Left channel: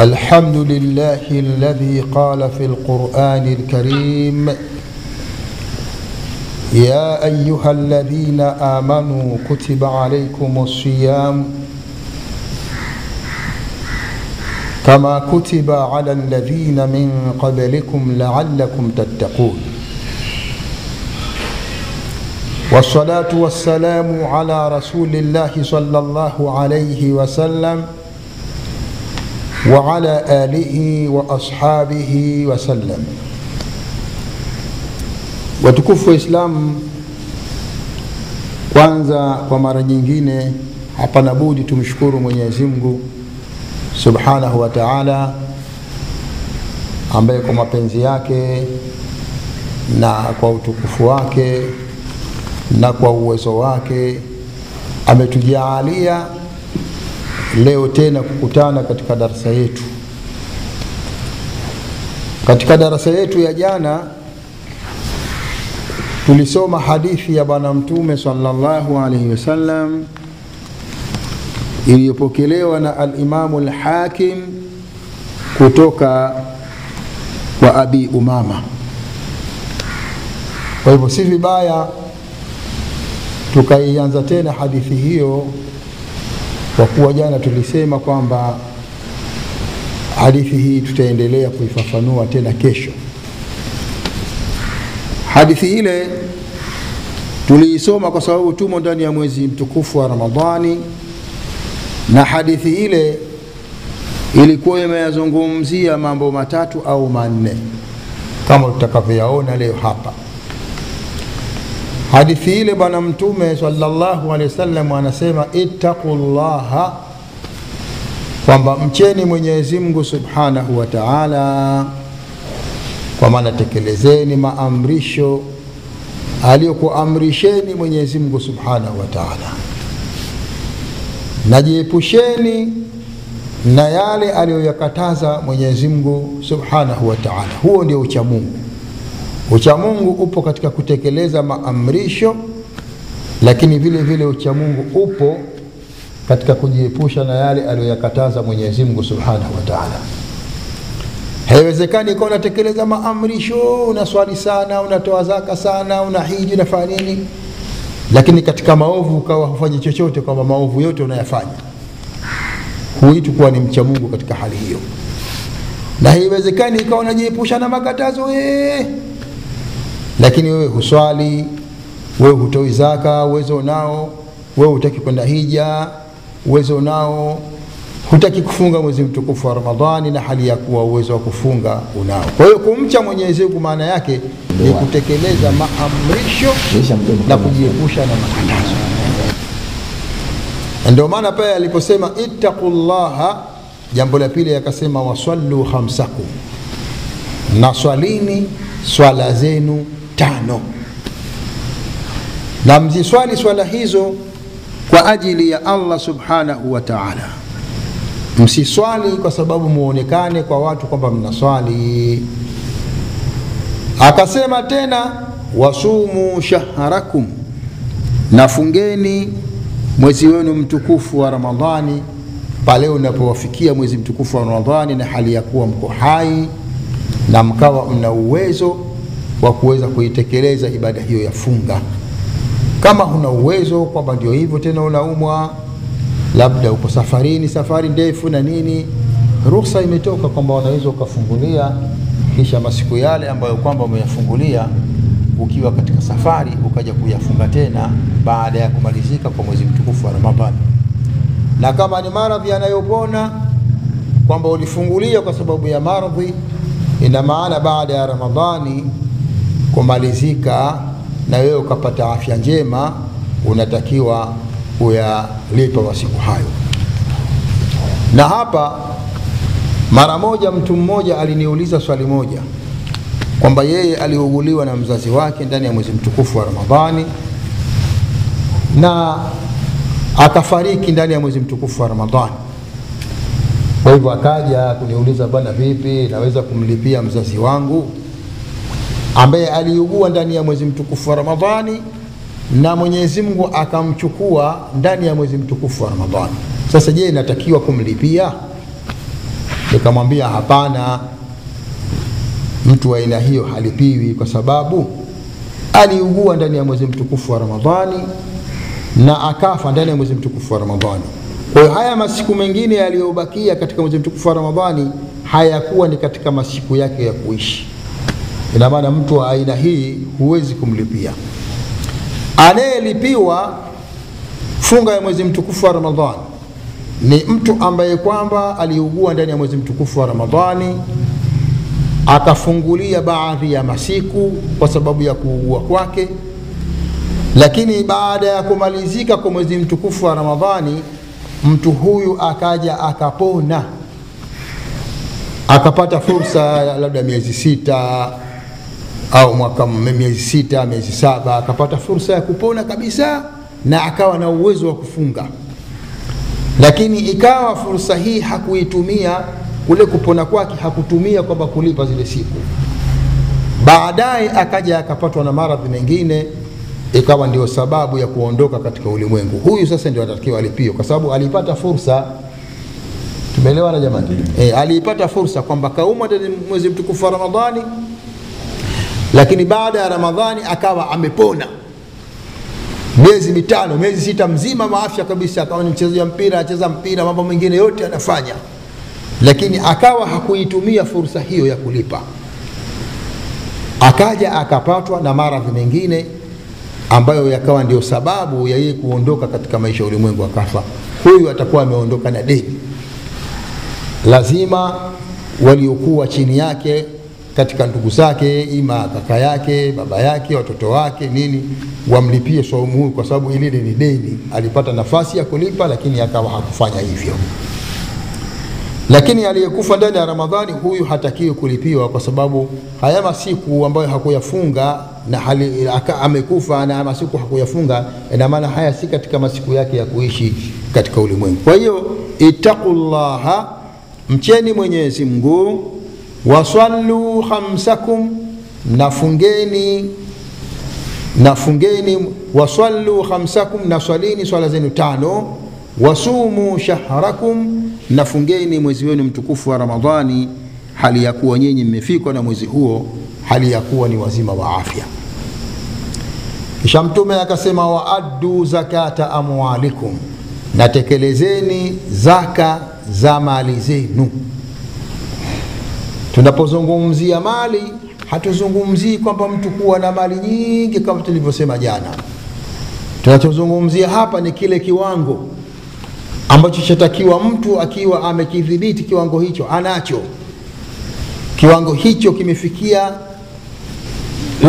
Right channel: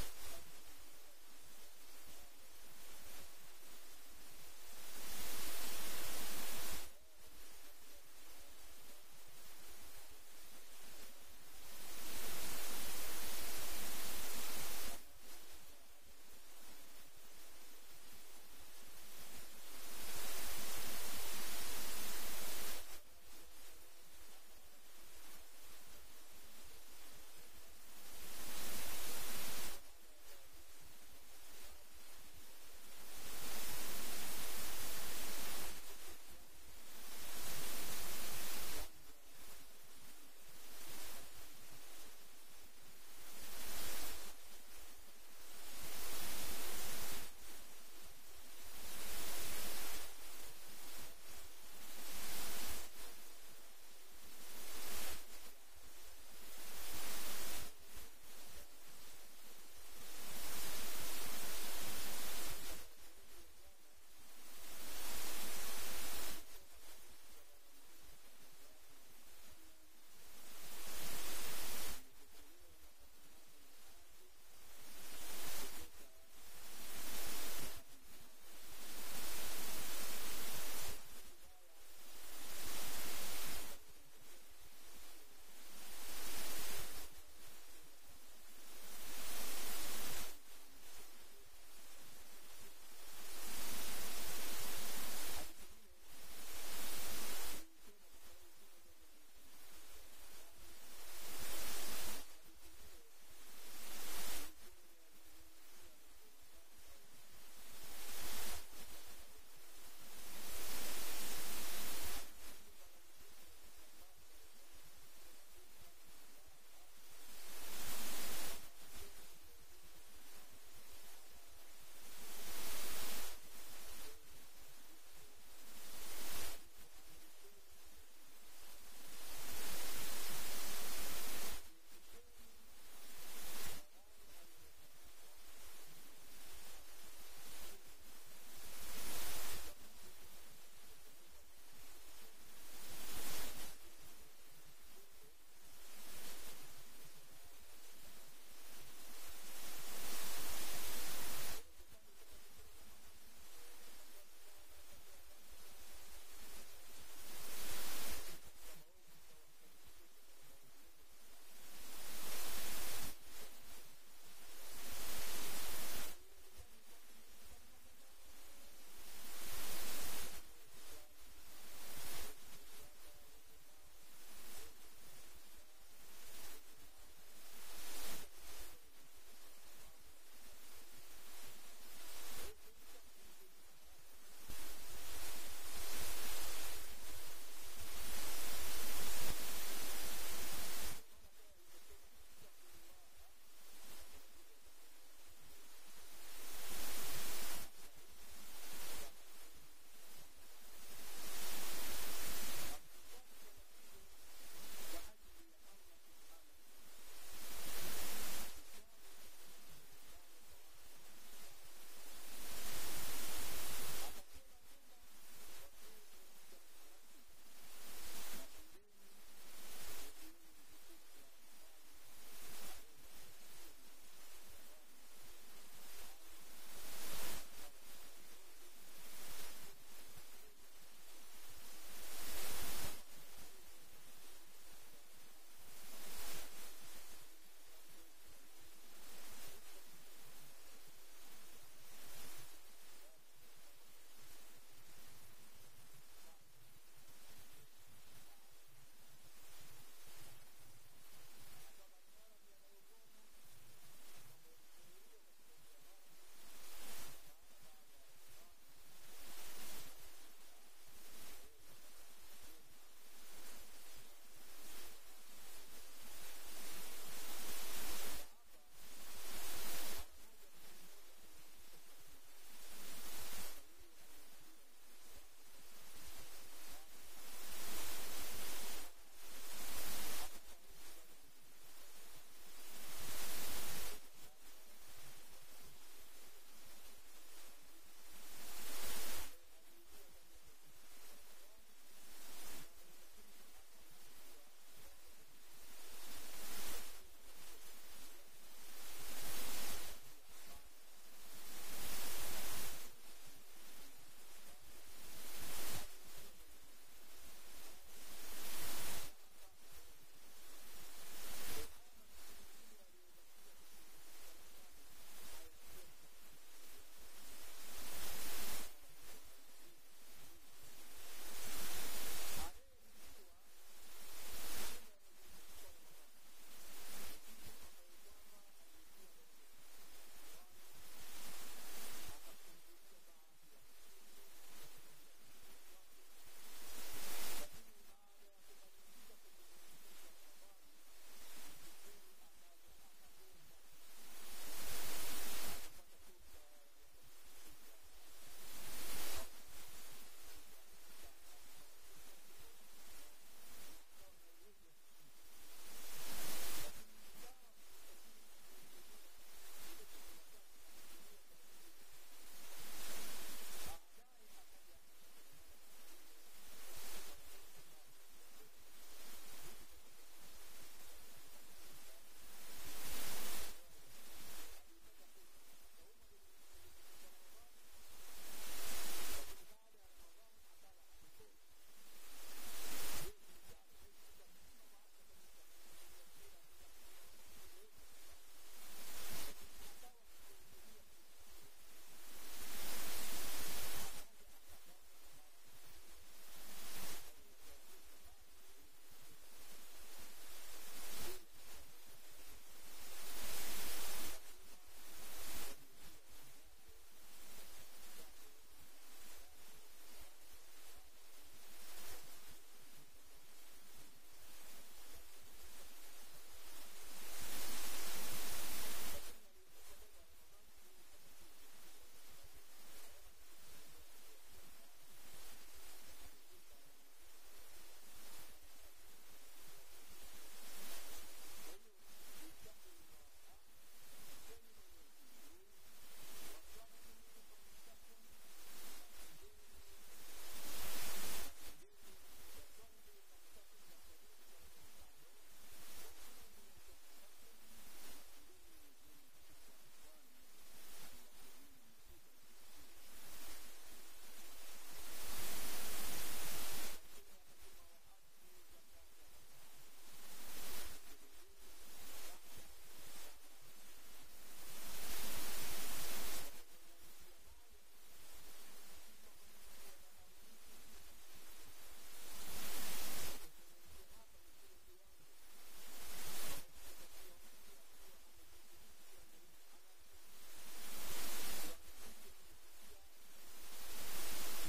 الحمد لله الذي قال في القرآن الكريم يا أيها الذين آمنوا كتب عليكم الصيام كما كتب على الذين من قبلكم لعلكم تتقون والصلاة والسلام على رسول الله صلى الله عليه وسلم وعلى آله وأصحابه وسلم. Watukufu wa Islam, kwanza kwa mara nyingine hapana budi tumshukuru Mwenyezi Mungu Subhanahu wa Ta'ala, ambaye kwa mapenzi yake na kwa utukufu wake na kwa uwezo wake ametujalia leo tena kukutana katika darasa yetu. Katika darasa yetu ya jana tulisoma hadithi ya Bwana Mtume sallallahu alaihi wasallam iliyopokelewa na al-Imam al-Hakim kutoka kwa Abi Umama. Kwa hivyo si vibaya tukaianza tena hadithi hiyo, kwa kuwa jana tulisema kwamba hadithi hii tutaendelea kuifafanua tena kesho. Hadithi ile tuliisoma kwa sababu tumo ndani ya mwezi mtukufu wa Ramadhani, na hadithi ile ilikuwa imeyazungumzia mambo matatu au manne kama tutakavyoyaona leo hapa. Hadithi ile Bwana Mtume sallallahu alaihi wasallam anasema ittaqullaha, kwamba mcheni Mwenyezi Mungu Subhanahu wa Ta'ala, kwa maana tekelezeni maamrisho aliyokuamrisheni Mwenyezi Mungu Subhanahu wa Ta'ala, najiepusheni na yale aliyoyakataza Mwenyezi Mungu Subhanahu wa Ta'ala. Huo ndio ucha Mungu. Ucha Mungu upo katika kutekeleza maamrisho, lakini vile vile ucha Mungu upo katika kujiepusha na yale aliyoyakataza Mwenyezi Mungu Subhanahu wa Ta'ala. Haiwezekani kwa unatekeleza maamrisho, unaswali sana, unatoa zaka sana, unahiji, unafanya nini, lakini katika maovu ukawa hufanyi chochote, kwamba maovu yote unayafanya. Huitu kuwa ni mcha Mungu katika hali hiyo. Na haiwezekani ikawa unajiepusha na makatazo lakini wewe huswali, wewe hutoi zaka, uwezo nao, wewe hutaki kwenda hija, uwezo nao, hutaki kufunga mwezi mtukufu wa Ramadhani na hali ya kuwa uwezo wa kufunga unao. Kwa hiyo kumcha Mwenyezi Mungu maana yake ni kutekeleza maamrisho na kujiepusha na makatazo. Ndio maana pale aliposema ittaqullaha, jambo la pili akasema wasallu khamsakum, na swalini swala zenu 5, na mziswali swala hizo kwa ajili ya Allah Subhanahu wa Ta'ala. Msiswali kwa sababu muonekane kwa watu kwamba mnaswali. Akasema tena wasumu shahrakum, nafungeni mwezi wenu mtukufu wa Ramadhani pale unapowafikia mwezi mtukufu wa Ramadhani na hali ya kuwa mko hai na mkawa mna uwezo wa kuweza kuitekeleza ibada hiyo ya funga. Kama huna uwezo, kwamba ndio hivyo tena unaumwa, labda uko safarini, safari ndefu na nini, ruhusa imetoka kwamba unaweza ukafungulia, kisha masiku yale ambayo kwamba umeyafungulia ukiwa katika safari ukaja kuyafunga tena baada ya kumalizika kwa mwezi mtukufu wa Ramadhani. Na kama ni maradhi yanayopona, kwamba ulifungulia kwa sababu ya maradhi, ina maana baada ya Ramadhani kumalizika na wewe ukapata afya njema, unatakiwa kuyalipa masiku hayo. Na hapa mara moja mtu mmoja aliniuliza swali moja, kwamba yeye aliuguliwa na mzazi wake ndani ya mwezi mtukufu wa Ramadhani na akafariki ndani ya mwezi mtukufu wa Ramadhani. Kwa hivyo akaja kuniuliza, bwana vipi naweza kumlipia mzazi wangu ambaye aliugua ndani ya mwezi mtukufu wa Ramadhani na Mwenyezi Mungu akamchukua ndani ya mwezi mtukufu wa Ramadhani? Sasa je, natakiwa kumlipia? Nikamwambia hapana, mtu wa aina hiyo halipiwi kwa sababu aliugua ndani ya mwezi mtukufu wa Ramadhani na akafa ndani ya mwezi mtukufu wa Ramadhani. Kwa hiyo haya masiku mengine yaliyobakia katika mwezi mtukufu wa Ramadhani hayakuwa ni katika masiku yake ya kuishi. Ina maana mtu wa aina hii huwezi kumlipia. Anayelipiwa funga ya mwezi mtukufu wa Ramadhani ni mtu ambaye kwamba aliugua ndani ya mwezi mtukufu wa Ramadhani, akafungulia baadhi ya masiku kwa sababu ya kuugua kwake, lakini baada ya kumalizika kwa mwezi mtukufu wa Ramadhani mtu huyu akaja akapona, akapata fursa labda miezi 6 au mwaka, miezi 6, miezi 7, akapata fursa ya kupona kabisa na akawa na uwezo wa kufunga, lakini ikawa fursa hii hakuitumia. Kule kupona kwake hakutumia kwamba kulipa zile siku. Baadaye akaja akapatwa na maradhi mengine, ikawa ndio sababu ya kuondoka katika ulimwengu. Huyu sasa ndio anatakiwa alipiwe kwa sababu alipata fursa. Tumeelewana jamani? Alipata fursa kwamba kauma ndani mwezi mtukufu wa Ramadhani, lakini baada ya Ramadhani akawa amepona miezi 5, miezi 6 mzima maafya kabisa, akawa ni mchezaji wa mpira, acheza mpira, mambo mengine yote anafanya, lakini akawa hakuitumia fursa hiyo ya kulipa. Akaja akapatwa na maradhi mengine ambayo yakawa ndio sababu ya yeye kuondoka katika maisha ya ulimwengu, akafa. Huyu atakuwa ameondoka na deni. Lazima waliokuwa chini yake katika ndugu zake, ima kaka yake, baba yake, watoto wake, nini, wamlipie saumu huyu kwa sababu ile ni deni. Alipata nafasi ya kulipa lakini akawa hakufanya hivyo. Lakini aliyekufa ndani ya Ramadhani huyu hatakiwi kulipiwa kwa sababu haya masiku ambayo hakuyafunga na amekufa na masiku hakuyafunga, ina maana haya si katika masiku yake ya kuishi katika ulimwengu. Kwa hiyo ittaqullaha, mcheni Mwenyezi Mungu, wasallu khamsakum, nafungeni, wasallu khamsakum, naswalini swala zenu 5, wasumu shahrakum, nafungeni mwezi wenu mtukufu wa Ramadhani hali ya kuwa nyinyi mmefikwa na mwezi huo, hali ya kuwa ni wazima wa afya. Kisha Mtume akasema waaddu zakata amwalikum, natekelezeni zaka za mali zenu. Tunapozungumzia mali hatuzungumzii kwamba mtu kuwa na mali nyingi kama tulivyosema jana. Tunachozungumzia hapa ni kile kiwango ambacho chatakiwa mtu akiwa amekidhibiti kiwango hicho, anacho kiwango hicho, kimefikia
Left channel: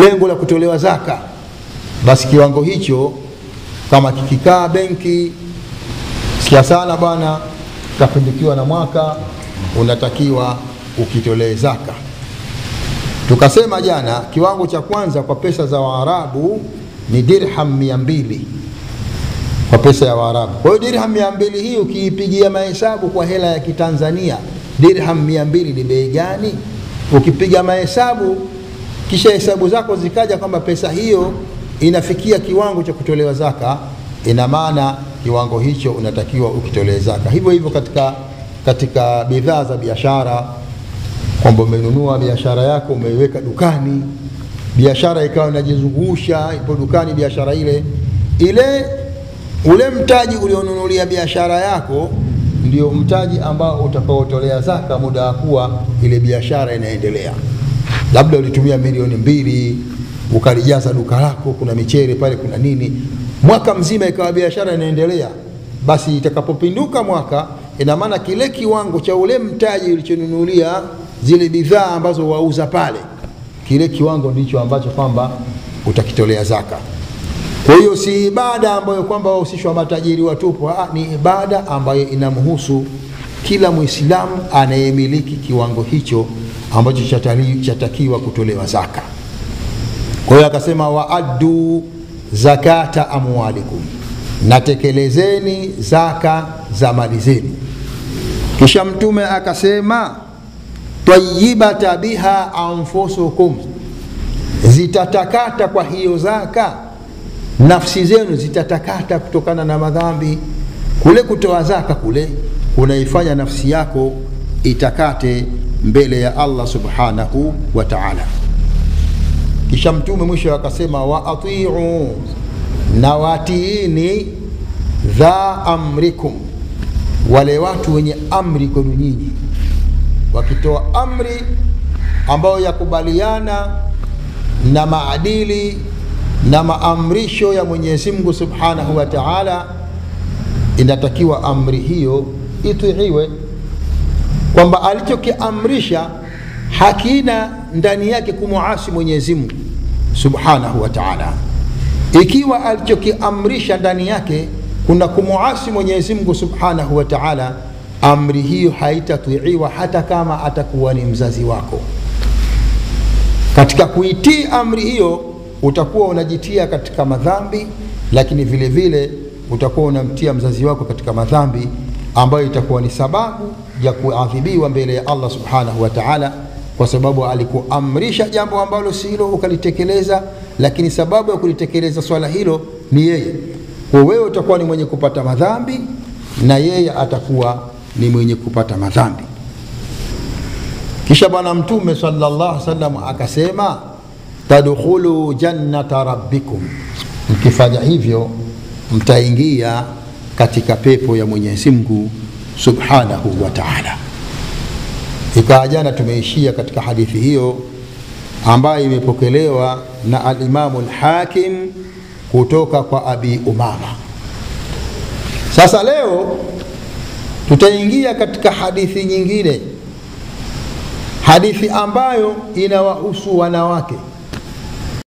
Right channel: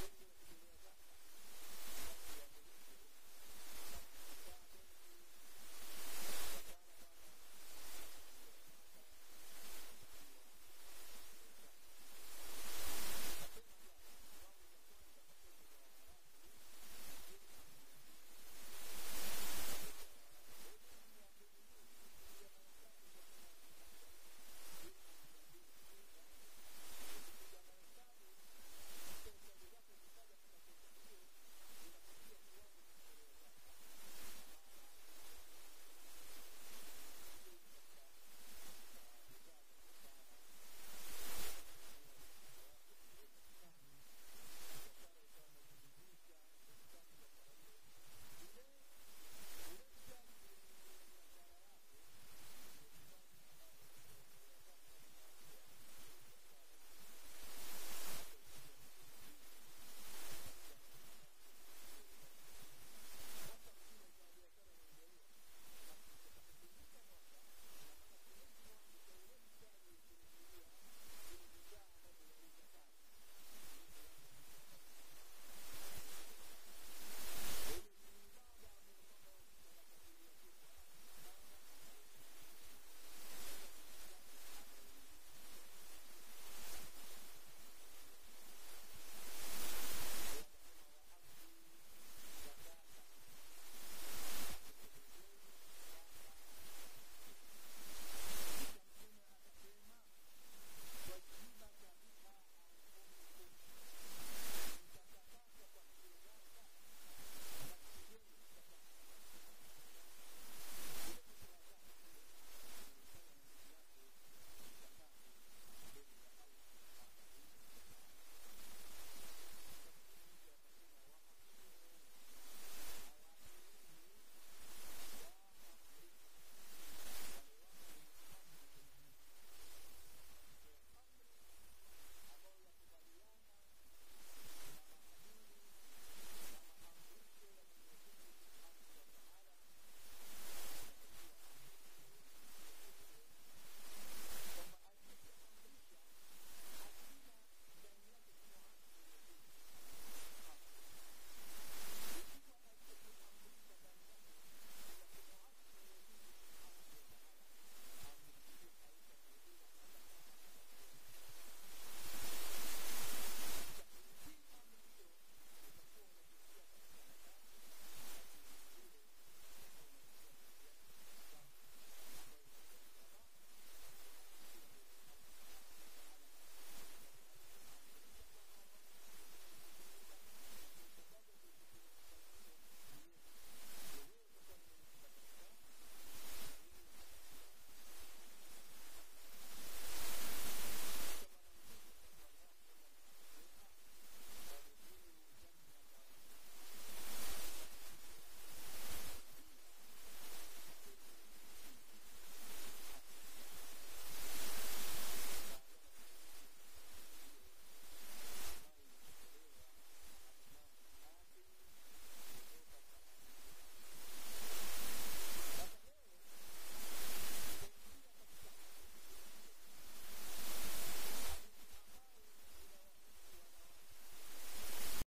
lengo la kutolewa zaka, basi kiwango hicho kama kikikaa benki, sikia sana bwana, kapindukiwa na mwaka, unatakiwa ukitolee zaka. Tukasema jana kiwango cha kwanza kwa pesa za Waarabu ni dirham 200 kwa pesa ya Waarabu. Kwa hiyo dirham 200 hii ukiipigia mahesabu kwa hela ya Kitanzania, dirham 200 ni bei gani? Ukipiga mahesabu kisha hesabu zako zikaja kwamba pesa hiyo inafikia kiwango cha kutolewa zaka, ina maana kiwango hicho unatakiwa ukitolee zaka. Hivyo hivyo katika bidhaa za biashara, kwamba umenunua biashara yako umeiweka dukani, biashara ikawa inajizungusha, ipo dukani biashara ule mtaji ulionunulia biashara yako ndio mtaji ambao utakaotolea zaka muda wa kuwa ile biashara inaendelea. Labda ulitumia milioni 2 ukalijaza duka lako, kuna michele pale, kuna nini, mwaka mzima ikawa biashara inaendelea, basi itakapopinduka mwaka, ina maana kile kiwango cha ule mtaji ulichonunulia zile bidhaa ambazo wauza pale, kile kiwango ndicho ambacho kwamba utakitolea zaka. Kwa hiyo si ibada ambayo kwamba wahusishwa matajiri watupu, ni ibada ambayo inamhusu kila Muislamu anayemiliki kiwango hicho ambacho chatakiwa kutolewa zaka. Kwa hiyo akasema waaddu zakata amwalikum, natekelezeni zaka za mali zenu. Kisha Mtume akasema tayyibata biha anfusukum, zitatakata kwa hiyo zaka nafsi zenu, zitatakata kutokana na madhambi. Kule kutoa zaka kule unaifanya nafsi yako itakate mbele ya Allah subhanahu wa ta'ala. Kisha mtume mwisho akasema wa ati'u, na watiini dha amrikum, wale watu wenye amri kwenu nyinyi. Wakitoa amri ambayo yakubaliana na maadili na maamrisho ya Mwenyezi Mungu subhanahu wa ta'ala, inatakiwa amri hiyo itiiwe, kwamba alichokiamrisha hakina ndani yake kumuasi Mwenyezi Mungu subhanahu wa ta'ala. Ikiwa alichokiamrisha ndani yake kuna kumuasi Mwenyezi Mungu subhanahu wa ta'ala, amri hiyo haitatiiwa hata kama atakuwa ni mzazi wako. Katika kuitii amri hiyo utakuwa unajitia katika madhambi, lakini vile vile utakuwa unamtia mzazi wako katika madhambi ambayo itakuwa ni sababu ya kuadhibiwa mbele ya Allah subhanahu wa ta'ala, kwa sababu alikuamrisha jambo ambalo si hilo ukalitekeleza, lakini sababu ya kulitekeleza swala hilo ni yeye. Kwa wewe utakuwa ni mwenye kupata madhambi na yeye atakuwa ni mwenye kupata madhambi. Kisha bwana mtume sallallahu alaihi wasallam akasema tadkhulu jannata rabbikum, mkifanya hivyo mtaingia katika pepo ya Mwenyezi Mungu subhanahu wa ta'ala. Ikawa jana tumeishia katika hadithi hiyo ambayo imepokelewa na al-Imamu al-Hakim kutoka kwa Abi Umama. Sasa leo tutaingia katika hadithi nyingine, hadithi ambayo inawahusu wanawake.